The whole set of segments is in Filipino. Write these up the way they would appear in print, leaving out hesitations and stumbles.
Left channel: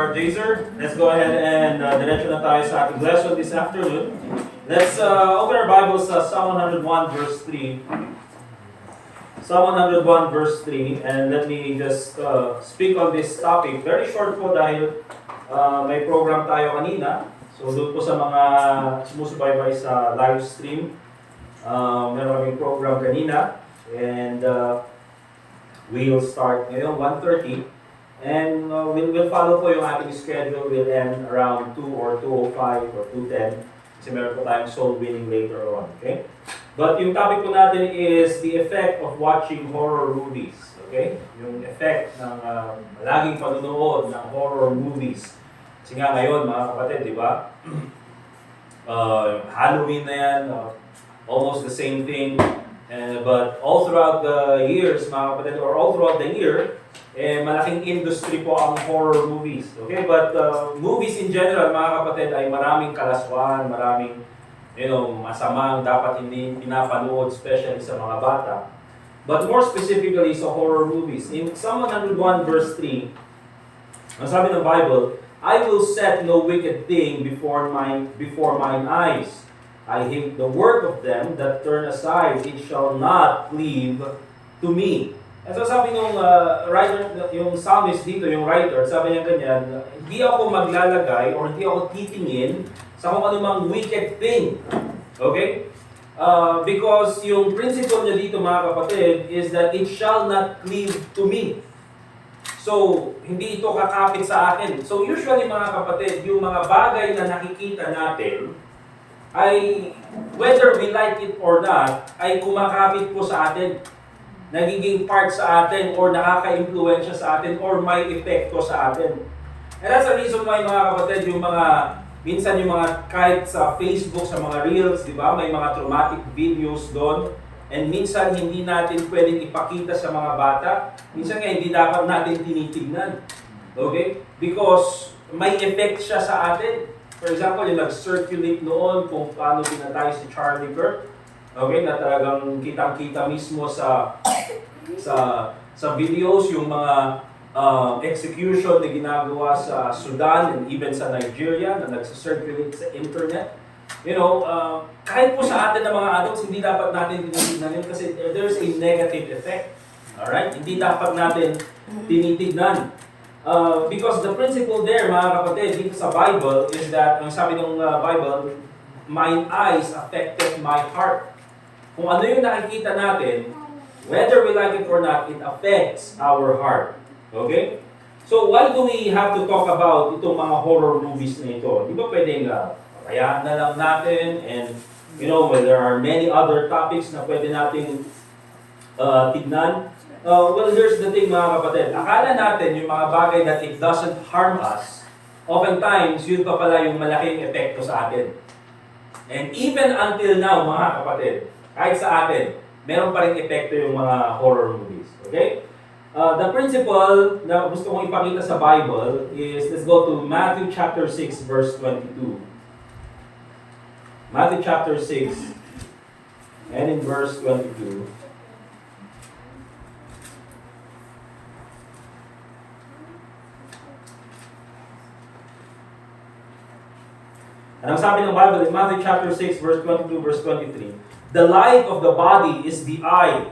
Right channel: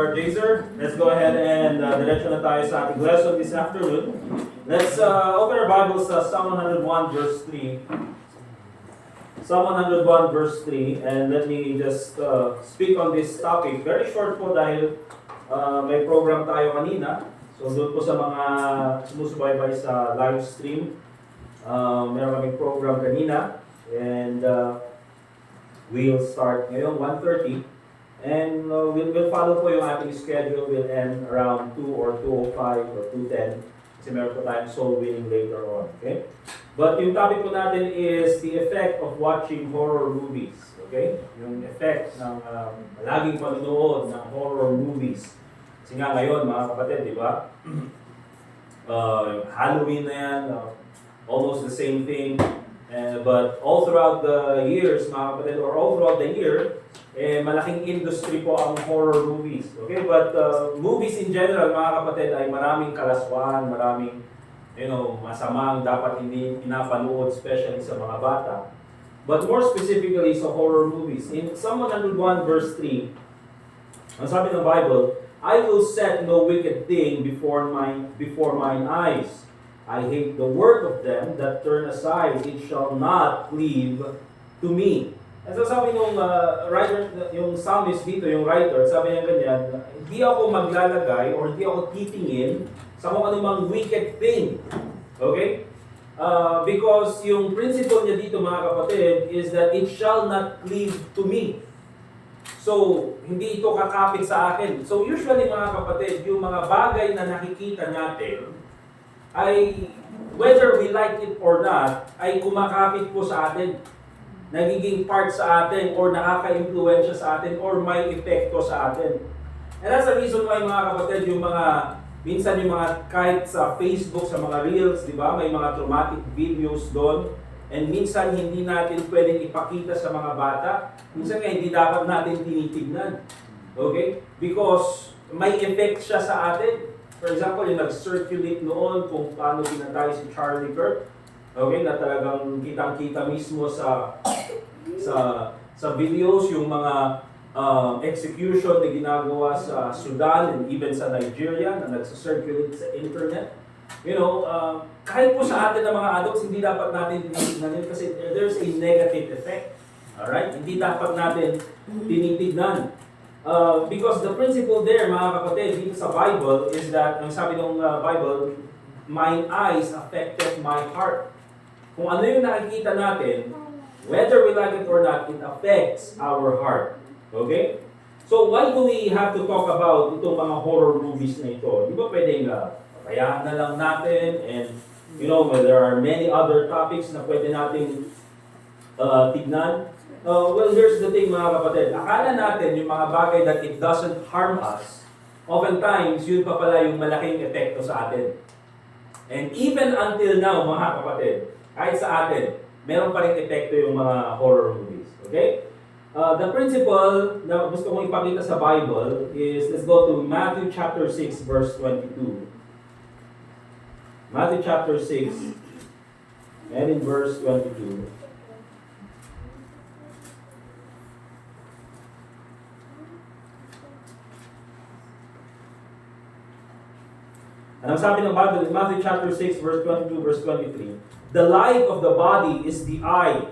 Brother Jazer. Let's go ahead and diretso na tayo sa ating lesson this afternoon. Let's open our Bibles sa Psalm 101 verse 3. Psalm 101 verse 3, and let me just speak on this topic. Very short po dahil may program tayo kanina. So doon po sa mga sumusubaybay sa live stream, meron kaming program kanina. And we'll start ngayon 1:30. And we'll follow po yung ating schedule. We'll end around 2 or 2:05 or 2:10. Kasi meron po tayong soul winning later on. Okay? But yung topic po natin is the effect of watching horror movies. Okay? Yung effect ng laging panunood ng horror movies. Kasi nga ngayon, mga kapatid, di ba? Halloween na yan, almost the same thing. But all throughout the years, mga kapatid, or all throughout the year, malaking industry po ang horror movies. Okay? But movies in general, mga kapatid, ay maraming kalaswaan, maraming masamang dapat hindi pinapanood, especially sa mga bata. But more specifically sa horror movies. In Psalm 101 verse 3, ang sabi ng Bible, I will set no wicked thing before mine eyes. I hate the work of them that turn aside, it shall not cleave to me. And so sabi nung writer, yung psalmist dito, yung writer, sabi niya ganyan, hindi ako maglalagay or hindi ako titingin sa kung anumang wicked thing. Okay? Because yung principle niya dito, mga kapatid, is that it shall not cleave to me. So, hindi ito kakapit sa akin. So usually, mga kapatid, yung mga bagay na nakikita natin, ay whether we like it or not, ay kumakapit po sa atin. Nagiging part sa atin or nakaka-impluensya sa atin or may epekto sa atin. And that's the reason why, mga kapatid, yung mga, minsan yung mga kahit sa Facebook, sa mga Reels, di ba, may mga traumatic videos doon. And minsan hindi natin pwedeng ipakita sa mga bata. Minsan nga hindi dapat natin tinitignan. Okay? Because may effect siya sa atin. For example, yung nag-circulate noon kung paano pinatay si Charlie Kirk. Okay, na talagang kitang-kita mismo sa videos yung mga execution na ginagawa sa Sudan and even sa Nigeria na nagsa-circulate sa internet. Kahit po sa atin ng mga adults, hindi dapat natin tinitignan kasi there's a negative effect. Alright? Hindi dapat natin tinitignan. Because the principle there, mga kapatid, dito sa Bible is that, ang sabi ng Bible, my eyes affected my heart. Kung ano yung nakikita natin, whether we like it or not, it affects our heart. Okay? So, why do we have to talk about itong mga horror movies na ito? Di ba pwedeng pabayaan na lang natin and, when there are many other topics na pwede nating tignan. Well, here's the thing, mga kapatid. Akala natin yung mga bagay that it doesn't harm us, oftentimes, yun pa pala yung malaking epekto sa atin. And even until now, mga kapatid, kahit sa atin, meron pa rin epekto yung mga horror movies. Okay? The principle na gusto kong ipakita sa Bible is, let's go to Matthew chapter 6, verse 22. Matthew chapter 6, and in verse 22. And ang sabi ng Bible in Matthew chapter 6, verse 22, verse 23, the light of the body is the eye.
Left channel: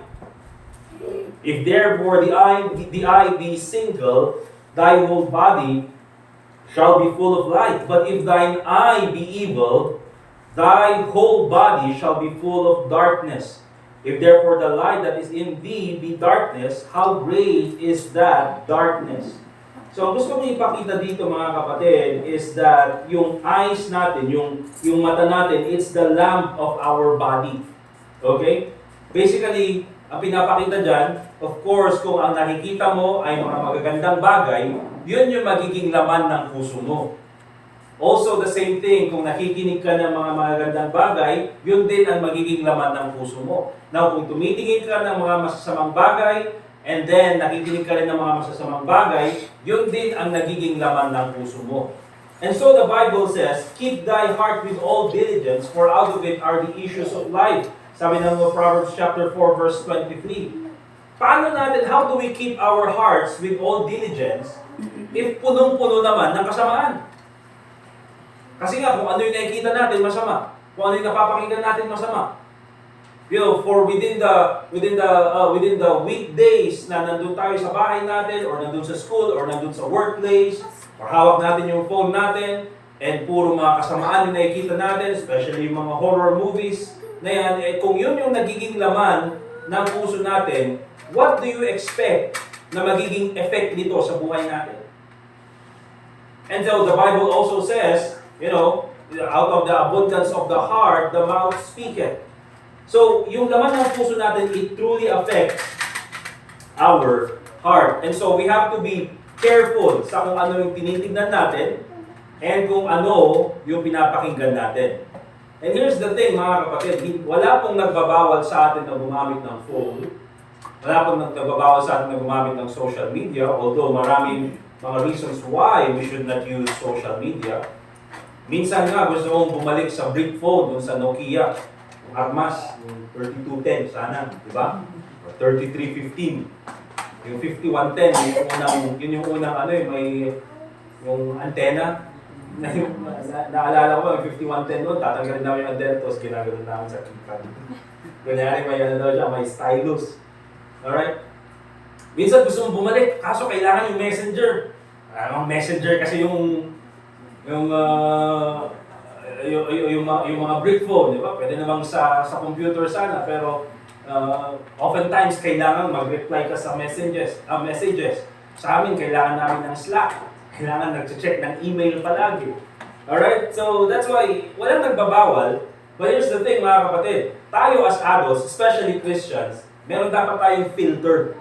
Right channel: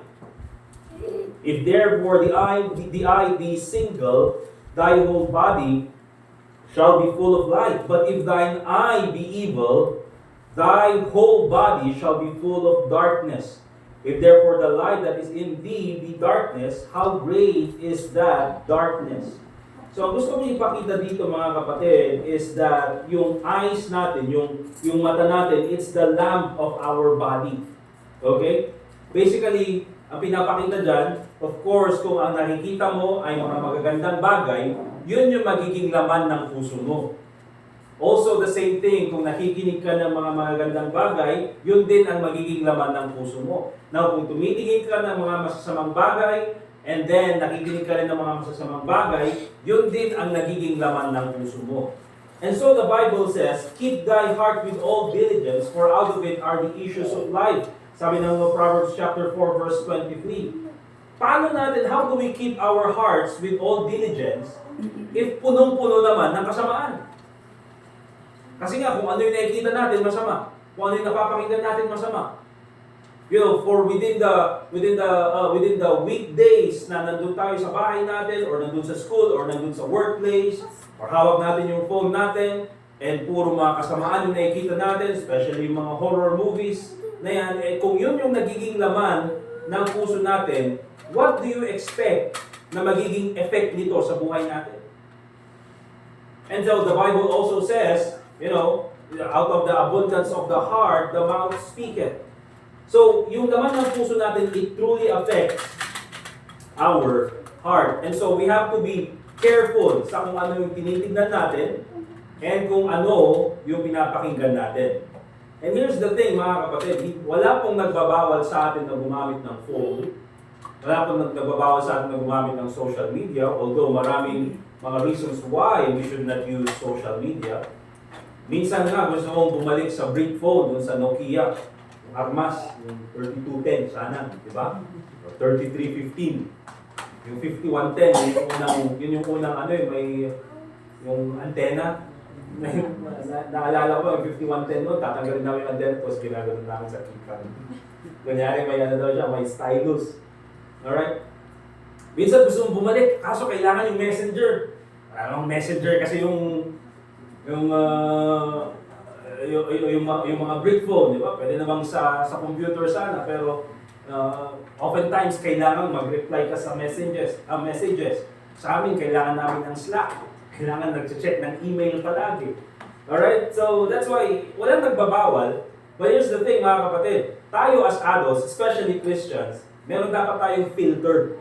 If therefore the eye be single, thy whole body shall be full of light. But if thine eye be evil, thy whole body shall be full of darkness. If therefore the light that is in thee be darkness, how great is that darkness? So, ang gusto kong ipakita dito, mga kapatid, is that yung eyes natin, yung mata natin, it's the lamp of our body. Okay? Basically, ang pinapakita dyan, of course, kung ang nakikita mo ay mga magagandang bagay, yun yung magiging laman ng puso mo. Also, the same thing, kung nakikinig ka ng mga magagandang bagay, yun din ang magiging laman ng puso mo. Now, kung tumitingin ka ng mga masasamang bagay, and then nakikinig ka rin ng mga masasamang bagay, yun din ang nagiging laman ng puso mo. And so the Bible says, keep thy heart with all diligence, for out of it are the issues of life. Sabi ng Proverbs chapter 4, verse 23. paano natin, how do we keep our hearts with all diligence if punong-puno naman ng kasamaan? Kasi nga, kung ano yung nakikita natin, masama. Kung ano yung napapakinggan natin, masama. You know, for within the weekdays na nandun tayo sa bahay natin, or nandun sa school, or nandun sa workplace, or hawak natin yung phone natin, and puro mga kasamaan yung nakikita natin, especially yung mga horror movies na yan, eh, kung yun yung nagiging laman ng puso natin, what do you expect na magiging effect nito sa buhay natin? And so the Bible also says, you know, out of the abundance of the heart, the mouth speaketh. So, yung laman ng puso natin, it truly affects our heart. And so, we have to be careful sa kung ano yung tinitignan natin and kung ano yung pinapakinggan natin. And here's the thing, mga kapatid, wala pong nagbabawal sa atin na gumamit ng phone. Wala pong nagbabawal sa atin na gumamit ng social media, although maraming mga reasons why we should not use social media. Minsan nga, gusto kong bumalik sa brick phone, dun sa Nokia. Armas, yung 3210 sana, di ba? Or 3315. Yung 5110, yun yung unang ano may yung antena. Naalala ko, yung 5110 doon, tatanggalin namin yung antena, tapos ginagano namin sa keypad. Kunyari, may ano daw siya, may stylus. Alright? Minsan gusto mong bumalik, kaso kailangan yung messenger. Ang messenger kasi yung mga brick phone, di ba? Pwede namang sa computer sana, pero oftentimes kailangan mag-reply ka sa messages. Sa amin, kailangan namin ng Slack. Kailangan nag-check ng email palagi. Alright? So, that's why, walang nagbabawal. But here's the thing, mga kapatid. Tayo as adults, especially Christians, meron dapat tayong filter.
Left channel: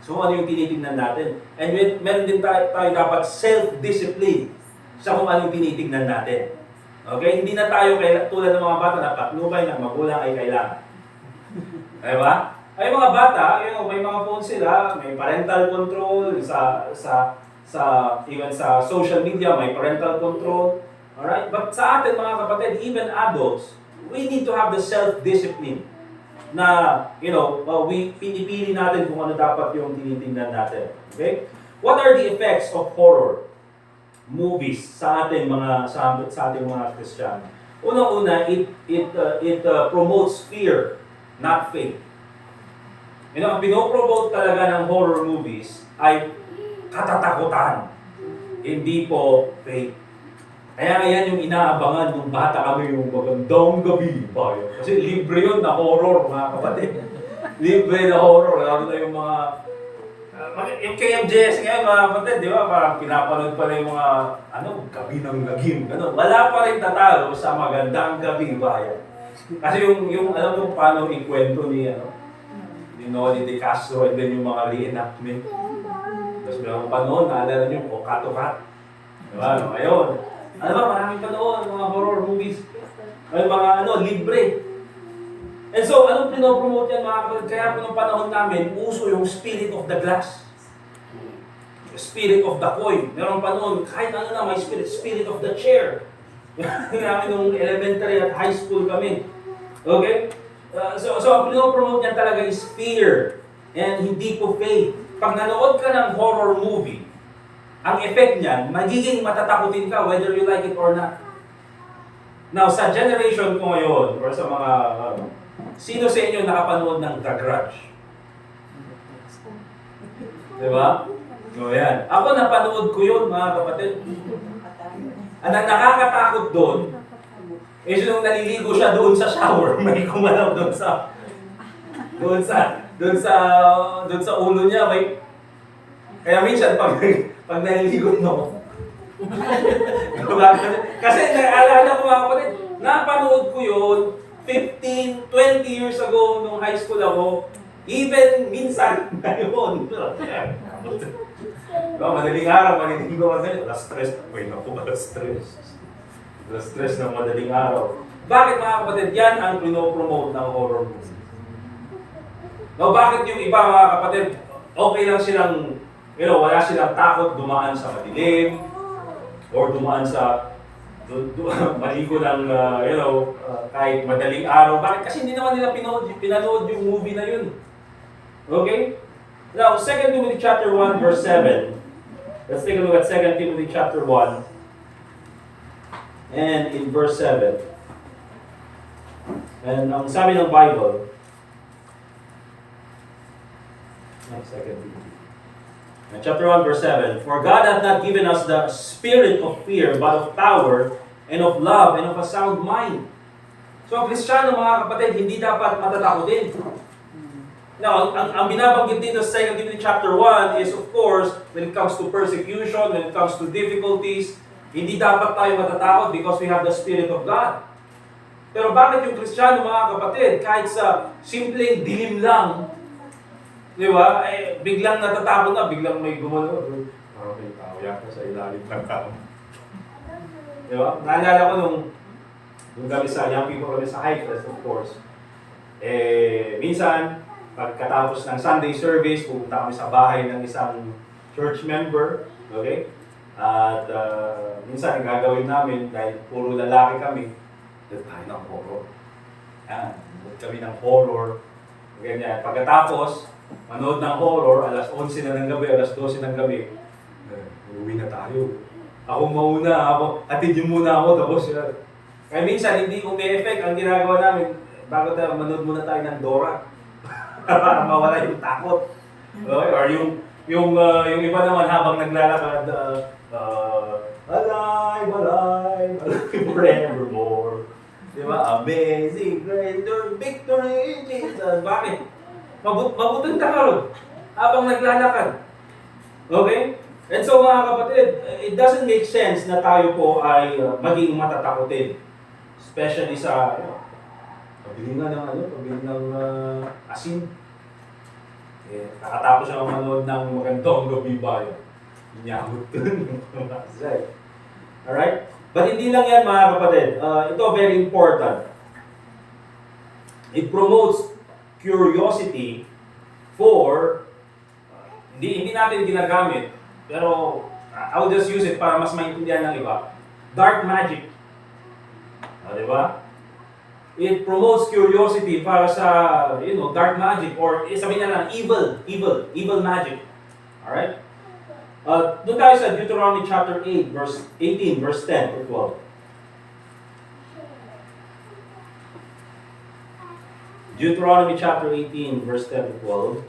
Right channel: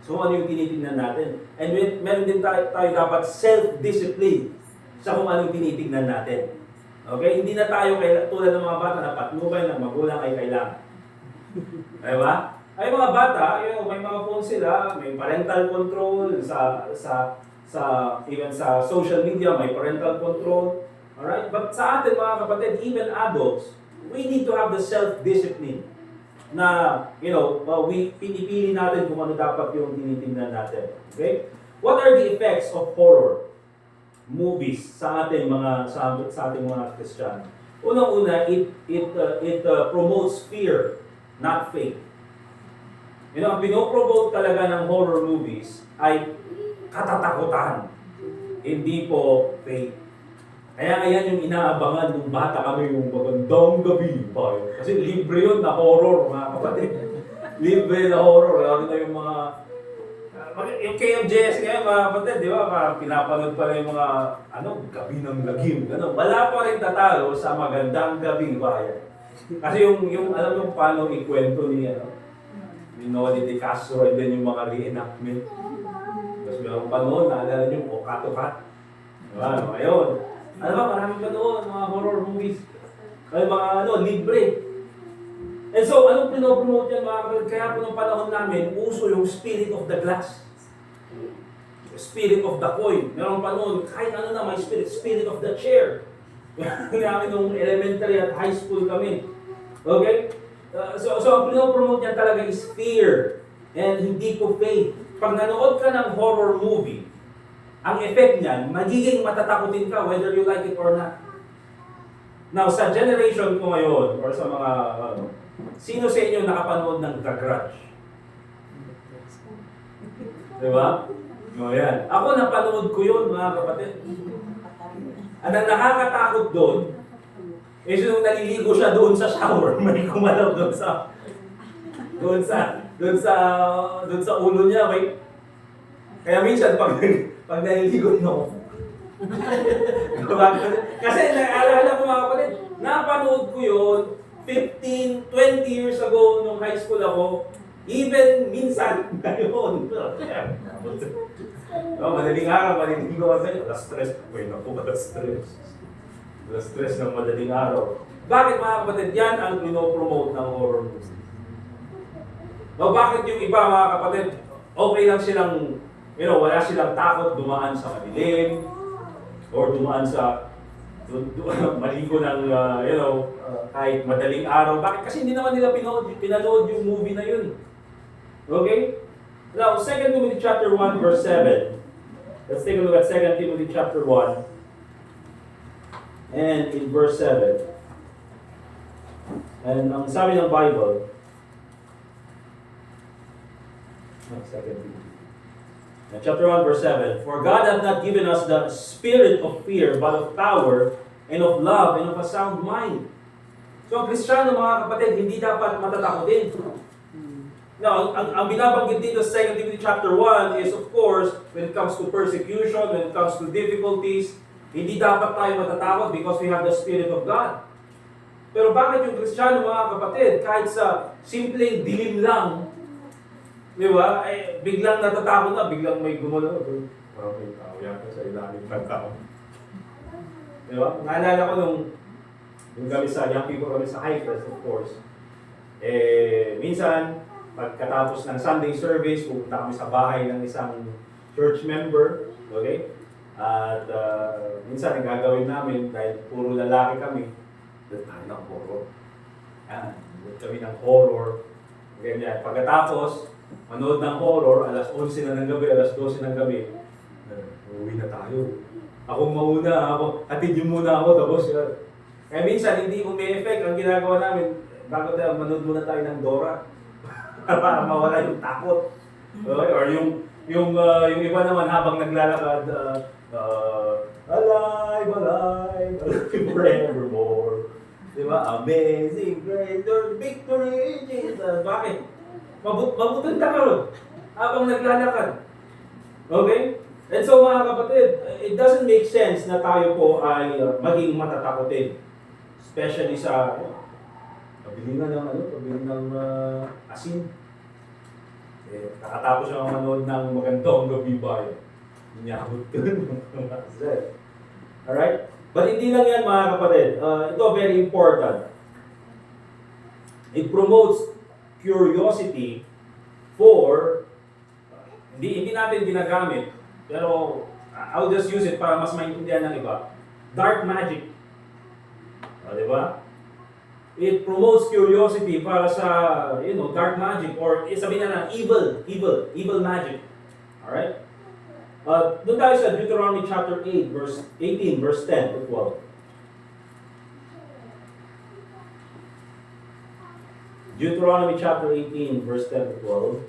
So, ano yung tinitingnan natin? And meron din tayo dapat self-discipline sa kung ano yung tinitingnan natin. Okay? Hindi na tayo tulad ng mga bata na patnubay na magulang ay kailangan. Diba? Ay mga bata, may mga phone sila, may parental control even sa social media, may parental control. Alright? But sa atin mga kapatid, even adults, we need to have the self-discipline na, pinipili natin kung ano dapat yung tinitingnan natin. Okay? What are the effects of horror movies sa ating mga Kristiyano? Unang-una, it promotes fear, not faith. Ang pinopromote talaga ng horror movies ay katatakutan, hindi po faith. Kaya yan yung inaabangan nung bata kami, yung magandang gabi ba? Kasi libre yun na horror, mga kapatid. Libre na horror, lalo na yung mga yung KMJS ngayon, mga kapatid, di ba? Parang pinapanood pa rin yung mga, gabi ng lagim, gano'n. Wala pa rin tatalo sa magandang gabi bayan. Kasi alam mo paano ikwento ni Noli De Castro and then yung mga reenactment. Tapos meron pa noon, naalala nyo, Cat to Cat. Diba? Ngayon, maraming pa noon, mga horror movies. May mga libre. And so, anong pinopromote yan mga kapatid? Kaya po nung panahon namin, uso yung spirit of the glass. Spirit of the coin. Meron pa noon, kahit may spirit of the chair. Namin nung elementary at high school kami. Okay? So ang pinopromote niyan talaga is fear and hindi po faith. Pag nanood ka ng horror movie, ang effect niyan, magiging matatakutin ka whether you like it or not. Now, sa generation ko ngayon, or sa mga, sino sa inyo nakapanood ng The Grudge? Diba? O yan. Ako napanood ko yun, mga kapatid. Ang nakakatakot doon, nung naliligo siya doon sa shower, may kumalaw doon sa ulo niya, kaya minsan pag naliligo kasi naalala ko mga kapatid, napanood ko yun 15, 20 years ago nung high school ako, even minsan ngayon. Madaling araw, maliligo ka sa'yo, stress ng madaling araw. Bakit mga kapatid? Yan ang pinopromote ng horror movie. Bakit yung iba mga kapatid, okay lang silang, wala silang takot dumaan sa madilim, or dumaan sa maligo ng, kahit madaling araw. Bakit? Kasi hindi naman nila pinanood yung movie na yun. Okay? Now, 2 Timothy chapter 1, verse 7. Let's take a look at 2 Timothy chapter 1 and in verse 7. And ang sabi ng Bible, Second Timothy. Chapter 1, verse 7. For God hath not given us the spirit of fear, but of power, and of love, and of a sound mind. So ang Kristiyano, mga kapatid, hindi dapat matatakotin. Now, ang binabanggit dito sa 2 Timothy chapter 1 is, of course, when it comes to persecution, when it comes to difficulties, hindi dapat tayo matatakot because we have the Spirit of God. Pero bakit yung Kristiyano, mga kapatid, kahit sa simpleng dilim lang, di ba, biglang natatakot na, biglang may gumalaw. Parang may tao yata sa ilalim ng tao. Di ba? Naalala ko nung kami sa, young people kami sa Highcrest, of course. Minsan, pagkatapos ng Sunday service, pupunta kami sa bahay ng isang church member, okay? At minsan, ang gagawin namin, dahil puro lalaki kami, doon tayo ng horror. Yan, doon kami ng horror. Ganyan. Pagkatapos, manood ng horror, alas 11 na ng gabi, alas 12 ng gabi, uwi na tayo. Ako mauna, atid yun muna ako, tapos yan. Kaya minsan, hindi umi-effect ang ginagawa namin, bago tayo, manood muna tayo ng Dora. Para mawala yung takot. Okay? Or yung iba naman habang naglalakad, alive, alive, alive forevermore. Diba? Amazing grace, your victory, Jesus. Bakit? Mabuting ka ron habang naglalakad. Okay? And so mga kapatid, it doesn't make sense na tayo po ay maging matatakotin. Especially sa pabili nga ng asin. Kakatapos siya manood ng Magandang Gabi Bayan. Inyamot dun. Alright? But hindi lang yan, mga kapatid. Ito very important. It promotes curiosity for, hindi natin ginagamit, pero I will just use it para mas maintindihan ng iba. Dark magic. Diba? It promotes curiosity para sa, dark magic or sabihin na lang, evil magic. Alright? Doon tayo sa Deuteronomy chapter 8, verse 18, verse 10 to 12. Deuteronomy chapter 18, verse 10 to 12.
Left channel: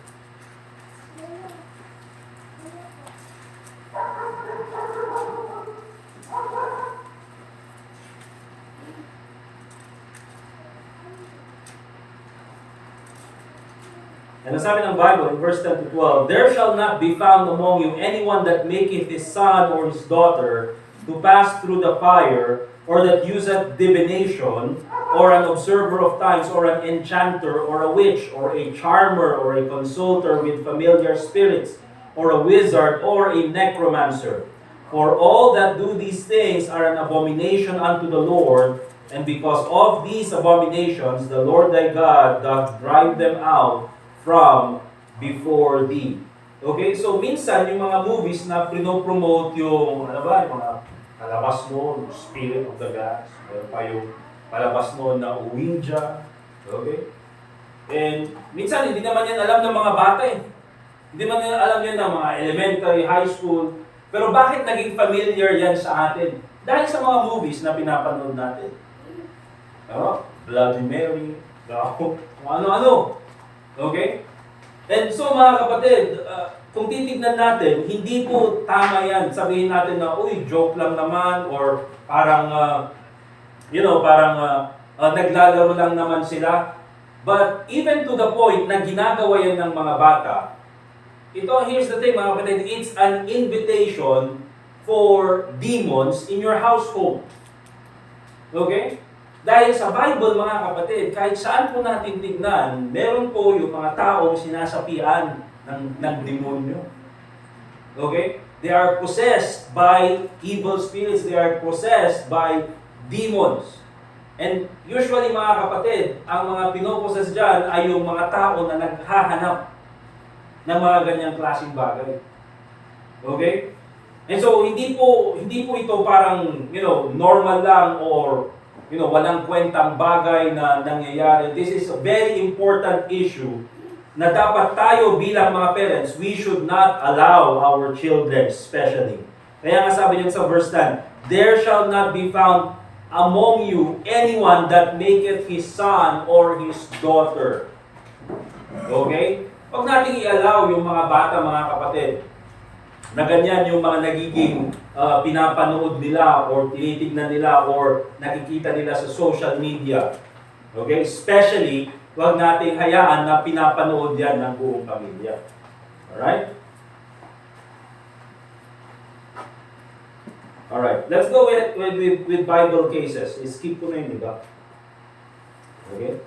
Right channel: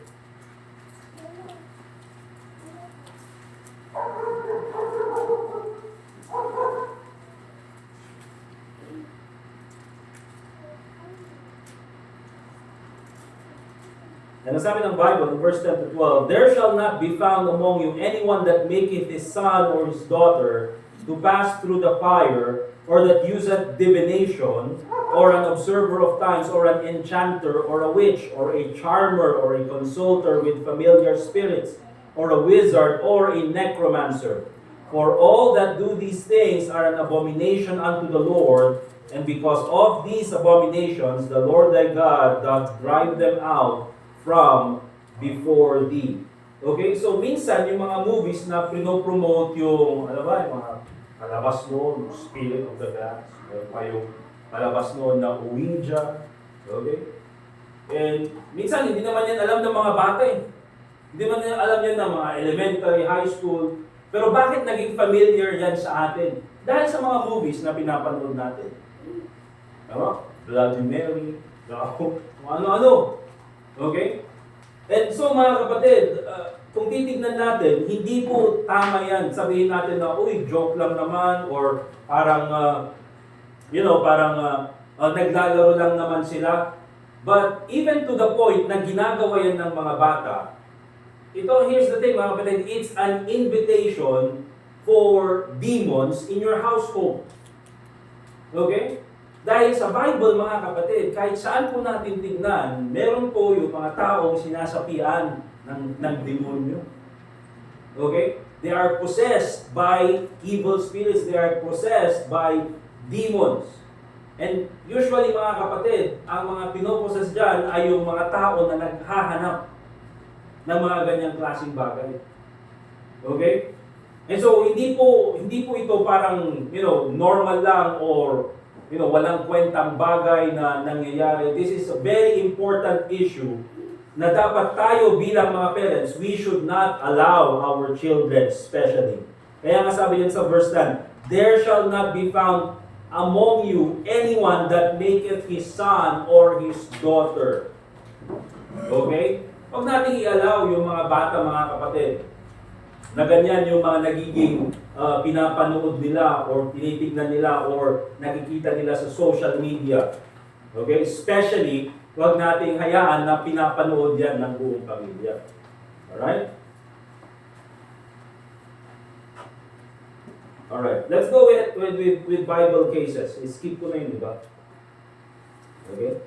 And ang sabi ng Bible in verse 10 to 12, there shall not be found among you anyone that maketh his son or his daughter to pass through the fire, or that useth divination, or an observer of times, or an enchanter, or a witch, or a charmer, or a consulter with familiar spirits, or a wizard, or a necromancer. For all that do these things are an abomination unto the Lord, and because of these abominations the Lord thy God doth drive them out from before thee. Okay, so minsan yung mga movies na pinopromote yung, yung mga palabas noon, Spirit of the Gods, meron pa yung palabas noon na Ouija, okay? And minsan hindi naman yan alam ng mga bata eh. Hindi man yan alam yan ng mga elementary, high school, pero bakit naging familiar yan sa atin? Dahil sa mga movies na pinapanood natin. Bloody Mary, ano-ano. Okay? And so mga kapatid, kung titignan natin, hindi po tama yan. Sabihin natin na, uy, joke lang naman, or parang, naglalaro lang naman sila. But even to the point na ginagawa yan ng mga bata, here's the thing mga kapatid, it's an invitation for demons in your household. Okay? Dahil sa Bible, mga kapatid, kahit saan po natin tignan, meron po yung mga taong sinasapian ng demonyo. Okay? They are possessed by evil spirits. They are possessed by demons. And usually, mga kapatid, ang mga pinoposes dyan ay yung mga tao na naghahanap ng mga ganyang klaseng bagay. Okay? And so, hindi po ito parang, normal lang or walang kwentang bagay na nangyayari. This is a very important issue na dapat tayo bilang mga parents, we should not allow our children especially. Kaya nga sabi niyo sa verse 10, there shall not be found among you anyone that maketh his son or his daughter. Okay? Huwag nating i-allow yung mga bata, mga kapatid, na ganyan yung mga nagiging pinapanood nila or tinitignan nila or nakikita nila sa social media. Okay? Especially, huwag nating hayaan na pinapanood yan ng buong pamilya. Alright? Alright. Let's go with Bible cases. Skip ko na yun, di ba? Okay?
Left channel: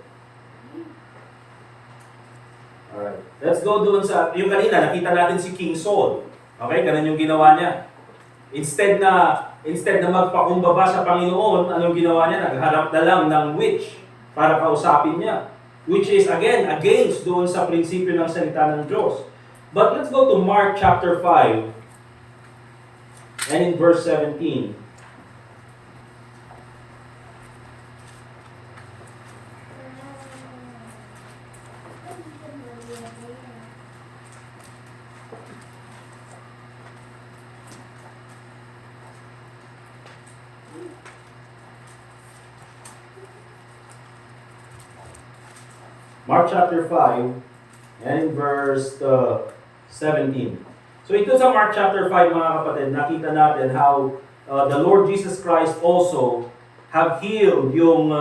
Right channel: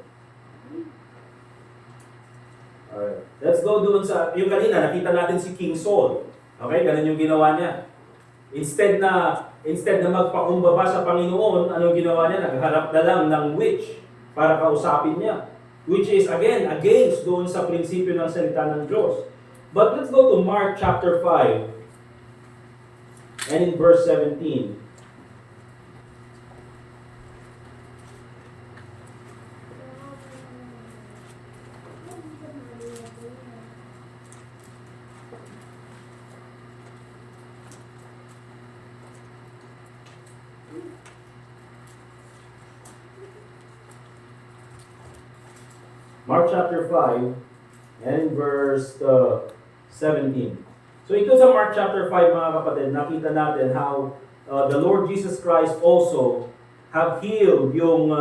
Alright. Let's go doon sa, yung kanina, nakita natin si King Saul. Okay? Ganun yung ginawa niya. Instead na magpakumbaba sa Panginoon, anong ginawa niya? Nagharap na lang ng witch para kausapin niya. Which is, again, against doon sa prinsipyo ng salita ng Diyos. But let's go to Mark chapter 5 and in verse 17. Mark chapter 5 and in verse 17. So ito sa Mark chapter 5, mga kapatid, nakita natin how the Lord Jesus Christ also have healed yung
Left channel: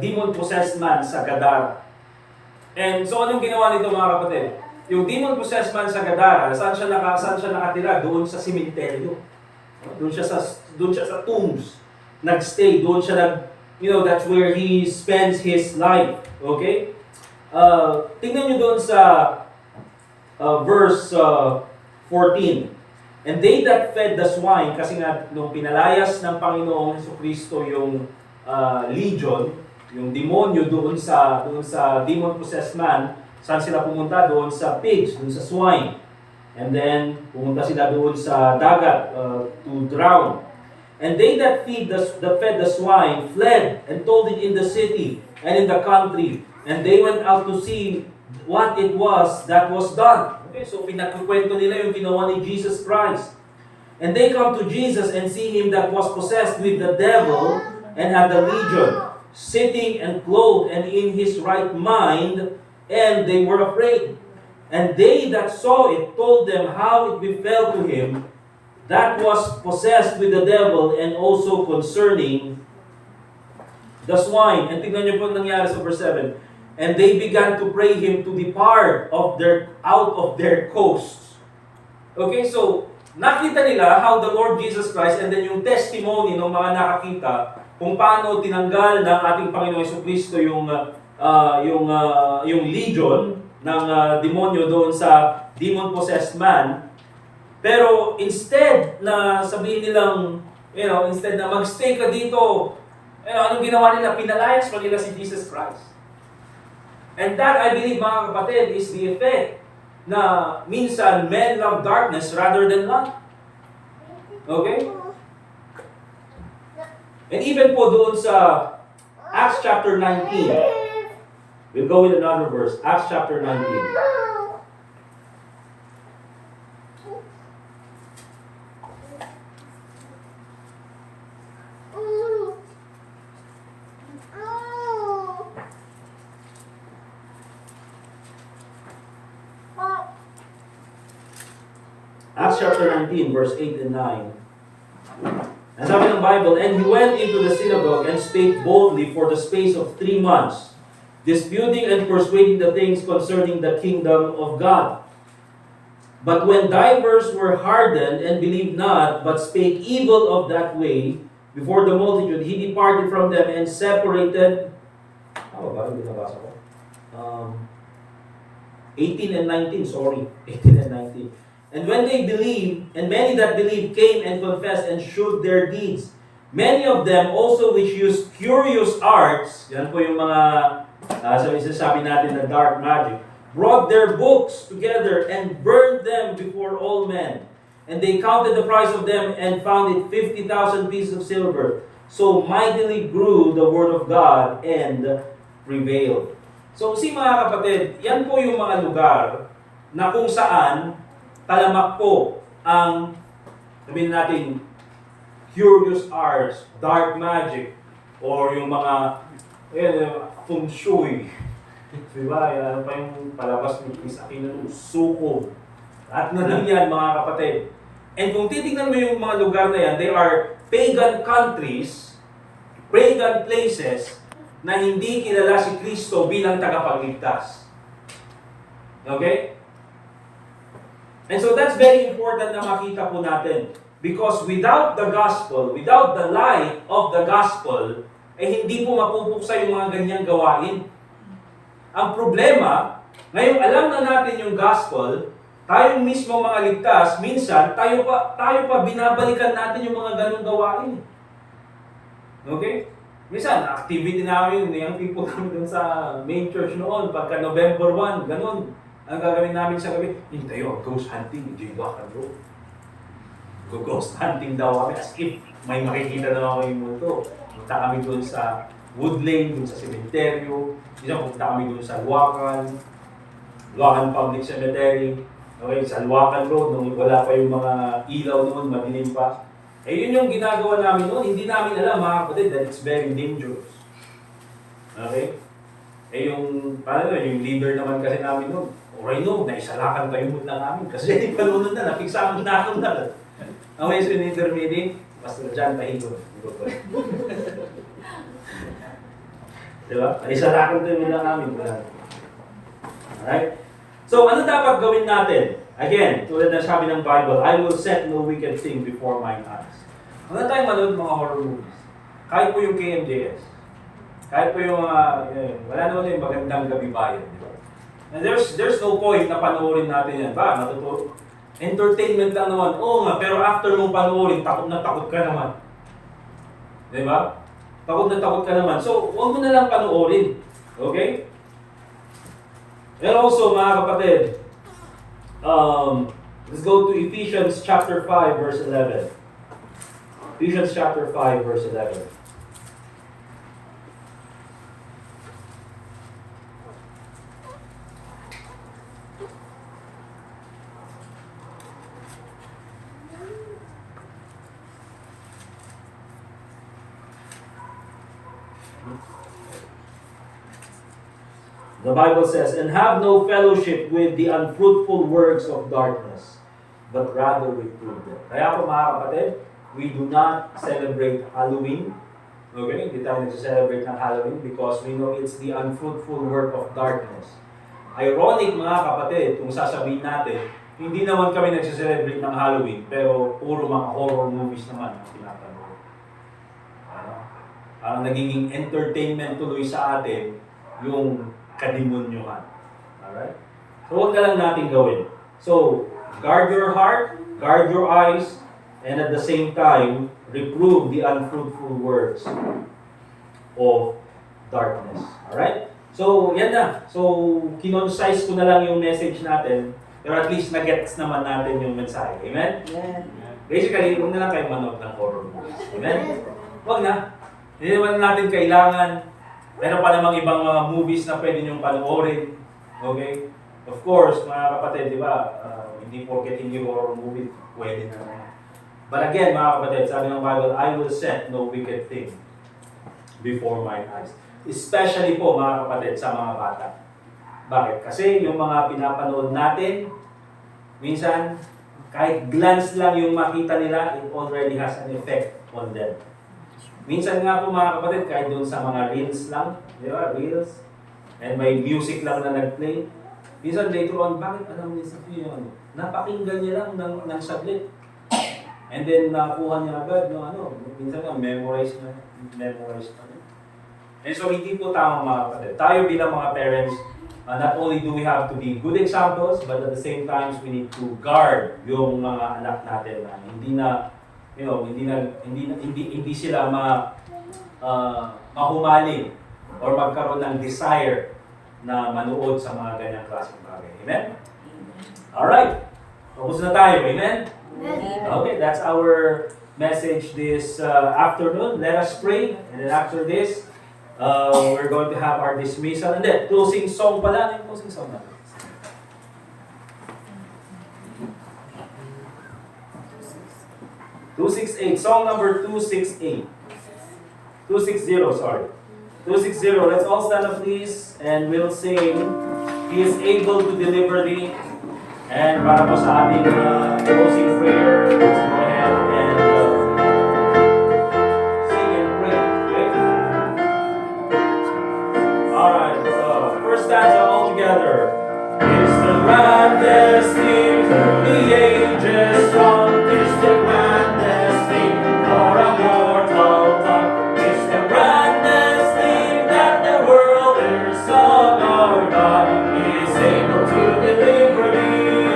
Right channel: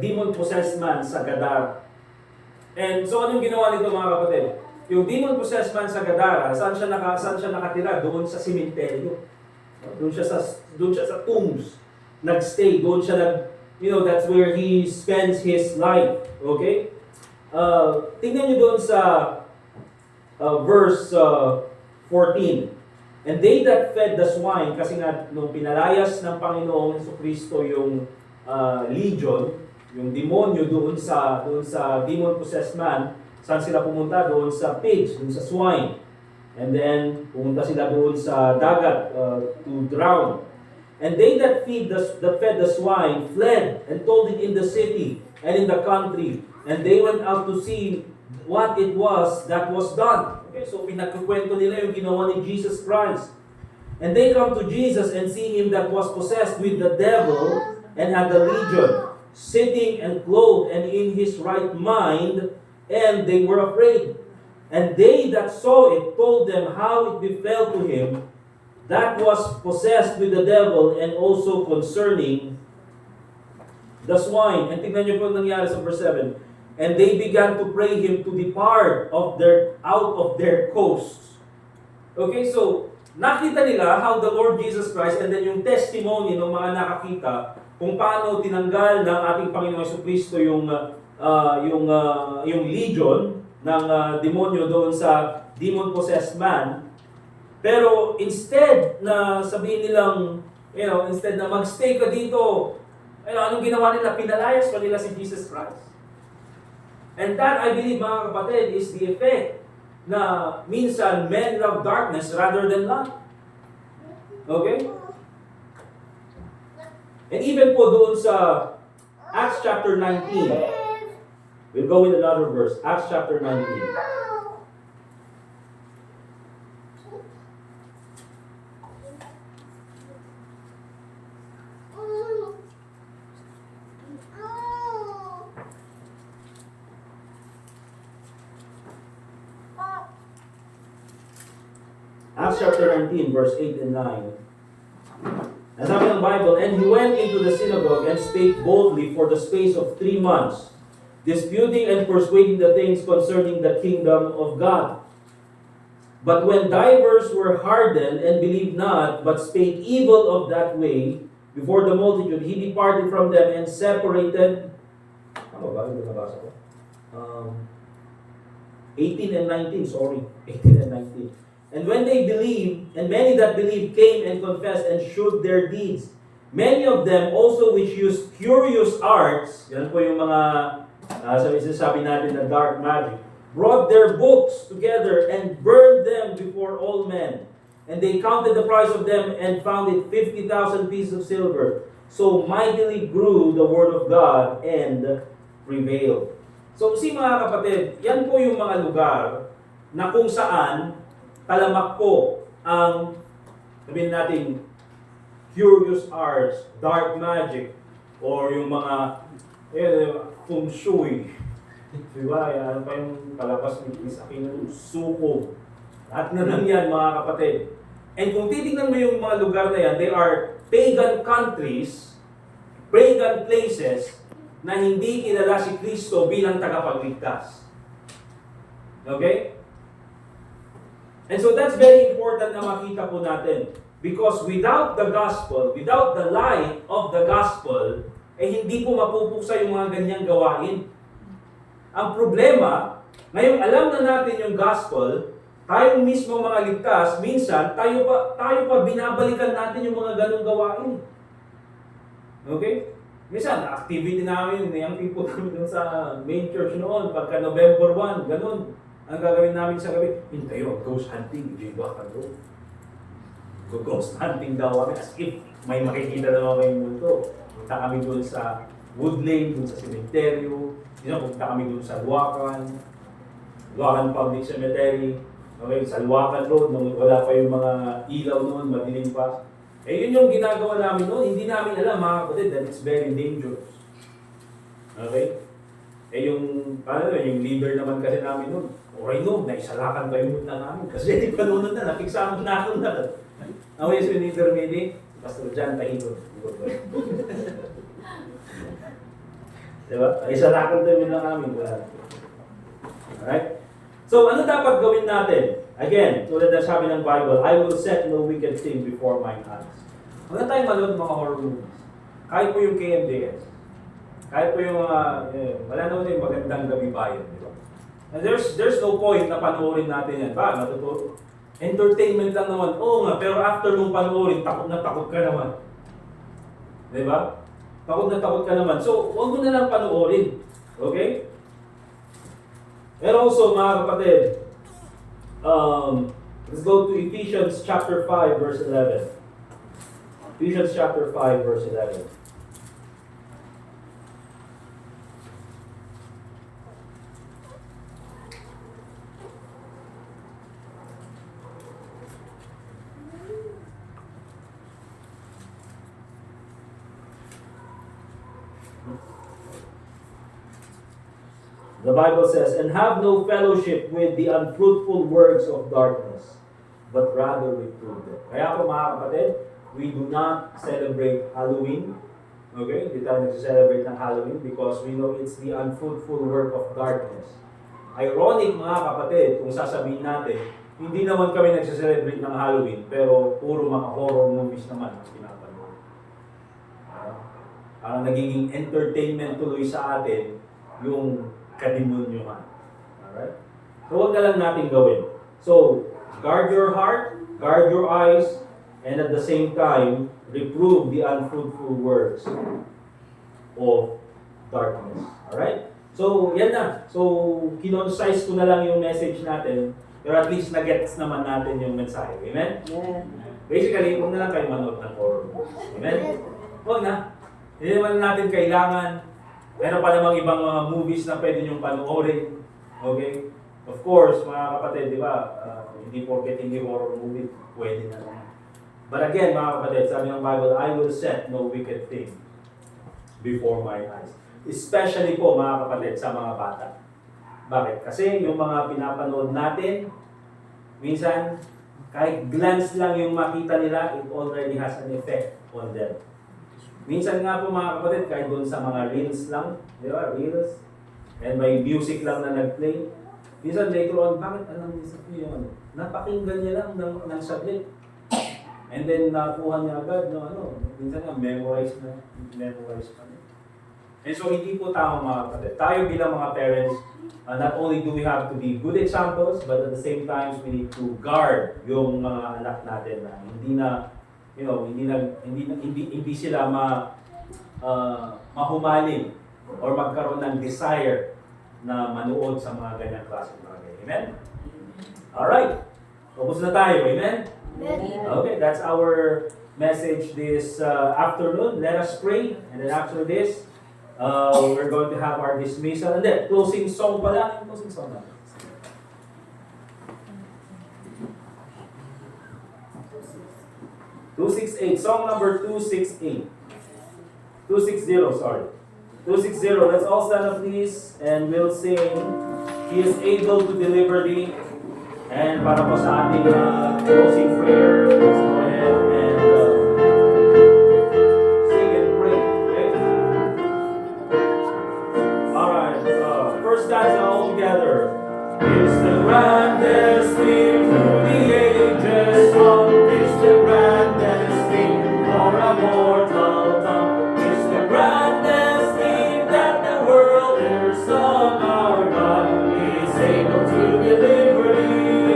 demon-possessed man sa Gadara. And so anong ginawa nito, mga kapatid? Yung demon-possessed man sa Gadara, saan siya nakatira? Doon sa simenteryo. Doon siya sa tombs. Nagstay, doon siya that's where he spends his life. Okay? Tingnan nyo doon sa verse 14. And they that fed the swine, kasi nga nung pinalayas ng Panginoong Jesucristo yung legion, yung demonyo doon sa demon-possessed man, saan sila pumunta? Doon sa pigs, doon sa swine. And then, pumunta sila doon sa dagat to drown. And they that fed the swine fled and told it in the city and in the country. And they went out to see what it was that was done. Okay, so pinagkukwento nila yung ginawa ni Jesus Christ. And they come to Jesus and see him that was possessed with the devil and had a legion, sitting and clothed and in his right mind, and they were afraid. And they that saw it told them how it befell to him that was possessed with the devil, and also concerning the swine. And tingnan niyo po nangyari sa verse 7. And they began to pray him to depart out of their coasts. Okay, so nakita nila how the Lord Jesus Christ, and then yung testimony ng mga nakakita kung paano tinanggal ng ating Panginoong Jesucristo yung legion ng demonyo doon sa demon-possessed man. Pero instead na sabihin nilang, instead na magstay ka dito, anong ginawa nila? Pinalayas pa nila si Jesus Christ. And that, I believe, mga kapatid, is the effect na minsan men love darkness rather than light. Okay? And even po doon sa Acts chapter 19, we'll go with another verse, Acts chapter 19. Acts chapter 19, verse 8 and 9. And sabi ng Bible, and he went into the synagogue and spake boldly for the space of 3 months, disputing and persuading the things concerning the kingdom of God. But when divers were hardened and believed not, but spake evil of that way before the multitude, he departed from them and separated. Tama ba? Hindi nabasa ko. 18 and 19, sorry. 18 and 19. And when they believed, and many that believed came and confessed and shewed their deeds. Many of them also which used curious arts, yan po yung mga, sabi natin na dark magic, brought their books together and burned them before all men. And they counted the price of them and found it 50,000 pieces of silver. So mightily grew the word of God and prevailed. So mga kapatid, yan po yung mga lugar na kung saan talamak po ang, sabihin natin, curious arts, dark magic, or yung mga feng shui. Diba? Ano pa yung palabas ni Chris Aquino, suko. At na lang yan mga kapatid. And kung titingnan mo yung mga lugar na yan, they are pagan countries, pagan places, na hindi kilala si Kristo bilang tagapagligtas. Okay? And so that's very important na makita po natin. Because without the gospel, without the light of the gospel, hindi po mapupuksa yung mga ganyang gawain. Ang problema, ngayon alam na natin yung gospel, tayong mismo mga ligtas, minsan tayo pa binabalikan natin yung mga ganung gawain. Okay? Minsan, activity namin, yung people namin dun sa main church noon, pagka November 1, ganun. Ang gagawin namin sa gabi, tayo, ghost hunting, J-Wakan bro. Ghost hunting daw kami, as if may makikita na mga yung mundo. Punta kami dun sa Wood Lane, dun sa cementerio. Minsan, punta kami dun sa Luacan Public Cemetery. Okay, sa Luacan Road, nung wala pa yung mga ilaw noon, madilim pa. Yun yung ginagawa namin noon. Hindi namin alam, mga kapatid, that it's very dangerous. Okay? Yung leader naman kasi namin noon, okay no, naisalakan pa yung lang namin. Kasi panunod na, napigsama na ako na. Okay, so yung leader meeting, Pastor John Tahimon. Diba? Naisalakan pa yung lang namin. Alright? So, ano dapat gawin natin? Again, tulad na sabi ng Bible, I will set no wicked thing before mine eyes. Wala tayong manood ng mga horror movies. Kahit po yung KMJS. Kahit po yung wala naman yung magandang gabi bayan, di ba? And there's no point na panoorin natin yan. Ba, matuturo. Entertainment lang naman. Oo nga, pero after mong panoorin, takot na takot ka naman. Di ba? Takot na takot ka naman. So, huwag mo na lang panoorin. Okay? And also, mga kapatid, let's go to Ephesians chapter 5, verse 11. Ephesians chapter 5, verse 11. The Bible says, and have no fellowship with the unfruitful works of darkness, but rather reprove them. Kaya po mga kapatid, we do not celebrate Halloween. Okay? Hindi tayo nag-celebrate ng Halloween because we know it's the unfruitful work of darkness. Ironic mga kapatid, kung sasabihin natin, hindi naman kami nag-celebrate ng Halloween, pero puro mga horror movies naman ang pinapanood. Parang nagiging entertainment tuloy sa atin yung kadimonyohan. Alright? So huwag na lang natin gawin. So, guard your heart, guard your eyes, and at the same time, reprove the unfruitful works of darkness. Alright? So, yan na. So, kinonsise ko na lang yung message natin, pero at least na-gets naman natin yung mensahe. Amen? Yeah. Basically, huwag na lang kayo manood ng horror movies. Amen? Huwag na. Hindi naman natin kailangan. Meron pa namang ibang mga movies na pwede niyong panoorin. Okay? Of course, mga kapatid, di ba, hindi porket hindi horror movie, pwede na. But again, mga kapatid, sabi ng Bible, I will set no wicked thing before my eyes. Especially po, mga kapatid, sa mga bata. Bakit? Kasi yung mga pinapanood natin, minsan, kahit glance lang yung makita nila, it already has an effect on them. Minsan nga po mga kapatid, kahit doon sa mga reels lang, di ba, reels, and may music lang na nag-play, minsan later on, bakit alam niya sa yun? Napakinggan niya lang ng saglit. And then nakuha niya agad yung minsan nga memorize pa niya. And so hindi po tama mga kapatid. Tayo bilang mga parents, not only do we have to be good examples, but at the same time, we need to guard yung mga anak natin na hindi sila mahumaling or magkaroon ng desire na manood sa mga ganyang klaseng bagay. Amen? Alright. Tapos na tayo. Amen? Okay, that's our message this afternoon. Let us pray, and then after this, we're going to have our dismissal. And then, closing song pala. Ano yung closing song natin? 268, song number 268. 260, sorry. 260, let's all stand up please, and we'll sing, He is able to deliver thee. And para po sa ating closing prayer, let's go ahead and sing and pray. Okay? Alright, so first stanza all together. Is the grandest thing through the ages come, is the grandest thing for a mortal tongue, is the grandest thing that the world ever sung. Our God is able to deliver thee.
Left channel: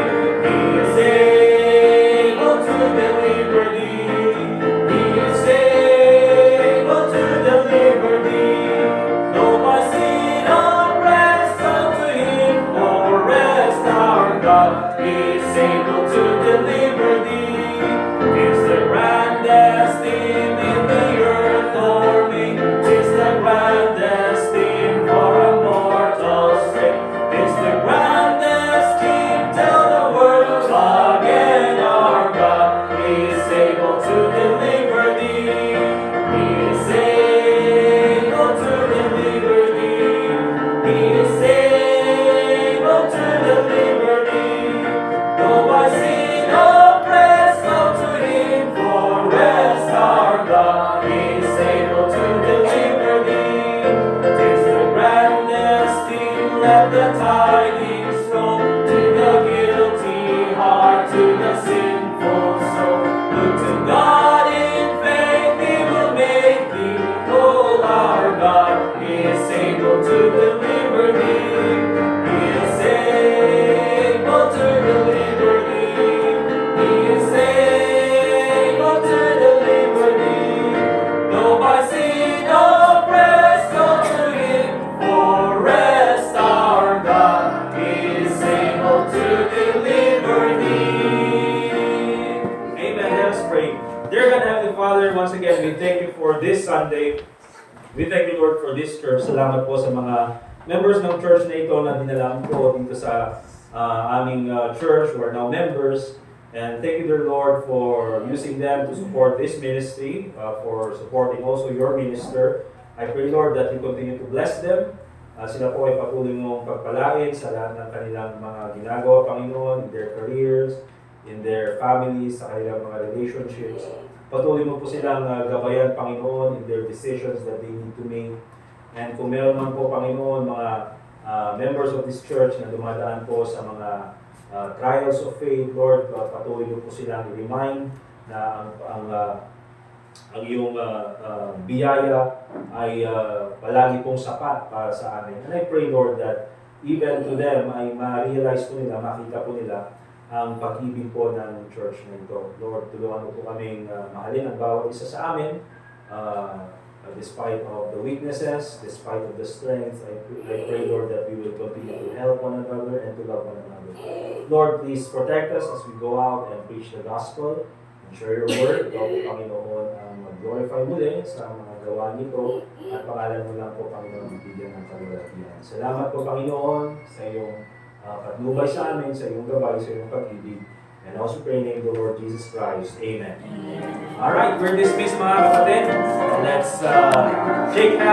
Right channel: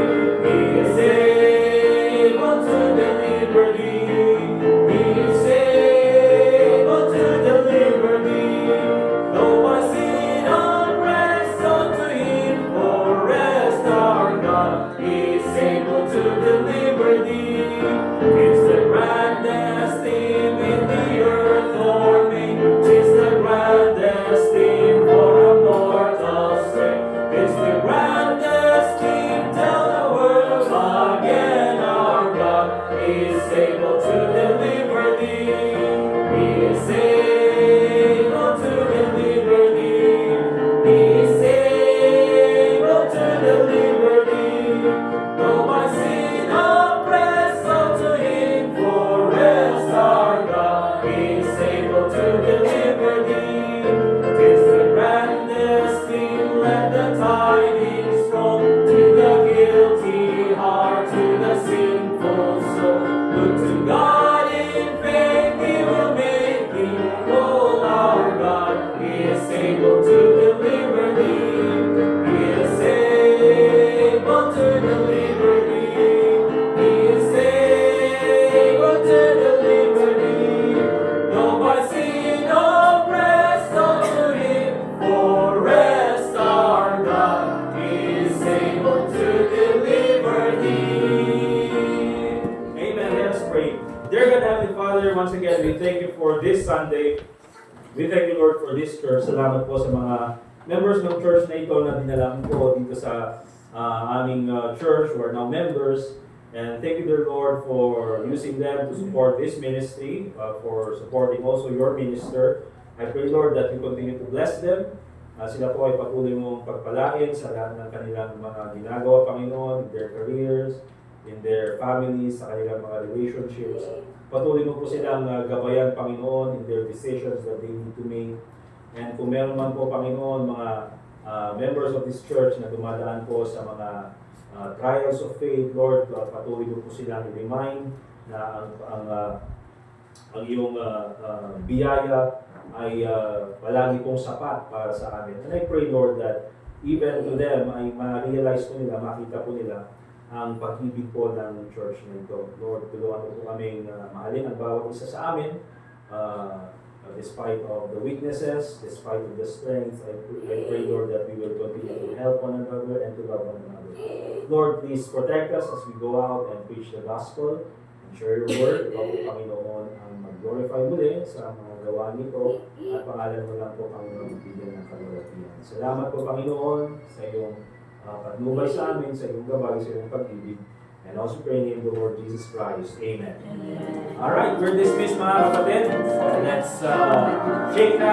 He is able to deliver thee. He is able to deliver thee. Though my sin oppressed unto him for rest, our God is able to deliver thee. Is the grandest thing in the earth for me. Is the grandest thing for a mortal strength. Is the grandest thing till the world again. Our God is able to deliver thee. He is able to deliver thee. He is able to deliver thee. Though my sin oppressed unto him for rest, our God is able to deliver thee. 'Tis the grandest thing, let the tidings roll to the guilty heart, to the sinful soul. Look to God in faith, He will make thee whole. Our God is able to deliver thee. He is able to deliver thee. He is able to deliver thee. Though by sin oppressed unto him for rest, our God is able to deliver thee. Amen. Let us pray. Dear God, Heavenly Father, once again, we thank you for this Sunday. We thank you, Lord, for this church. Salamat po sa mga members ng church na ito na dinalaan ko dito sa aming church who are now members. And thank you, dear Lord, for using them to support this ministry, for supporting also your minister. I pray, Lord, that you continue to bless them. Sila po ay patuloy mong pagpalain sa lahat ng kanilang mga ginagawa, Panginoon, in their careers, in their families, sa kanilang mga relationships. Patuloy mo po silang gabayan, Panginoon, in their decisions that they need to make. And kung meron man po, Panginoon, mga members of this church na dumadaan po sa mga trials of faith, Lord, patuloy mo po silang i-remind na ang iyong biyaya ay palagi pong sapat para sa amin. And I pray, Lord, that even to them ay ma-realize po nila, makita po nila ang pag-ibig po ng church na ito. Lord, tulungan mo po kaming mahalin ang bawat isa sa amin, despite of the weaknesses, despite of the strengths. I pray, Lord, that we will continue to help one another and to love one another. Lord, please protect us as we go out and preach the gospel and share your word. Ikaw po, Panginoon, ang mag-glorify muli sa mga gawa nito at pangalan mo lang po, Panginoon, bigyan ng kalulatian. Salamat po, Panginoon, sa iyong patnubay sa amin, sa iyong gabay, sa iyong pag-ibig. And also pray in the name of the Lord Jesus Christ. Amen. Alright, we're dismissed, mga kapatid. Let's shake hands.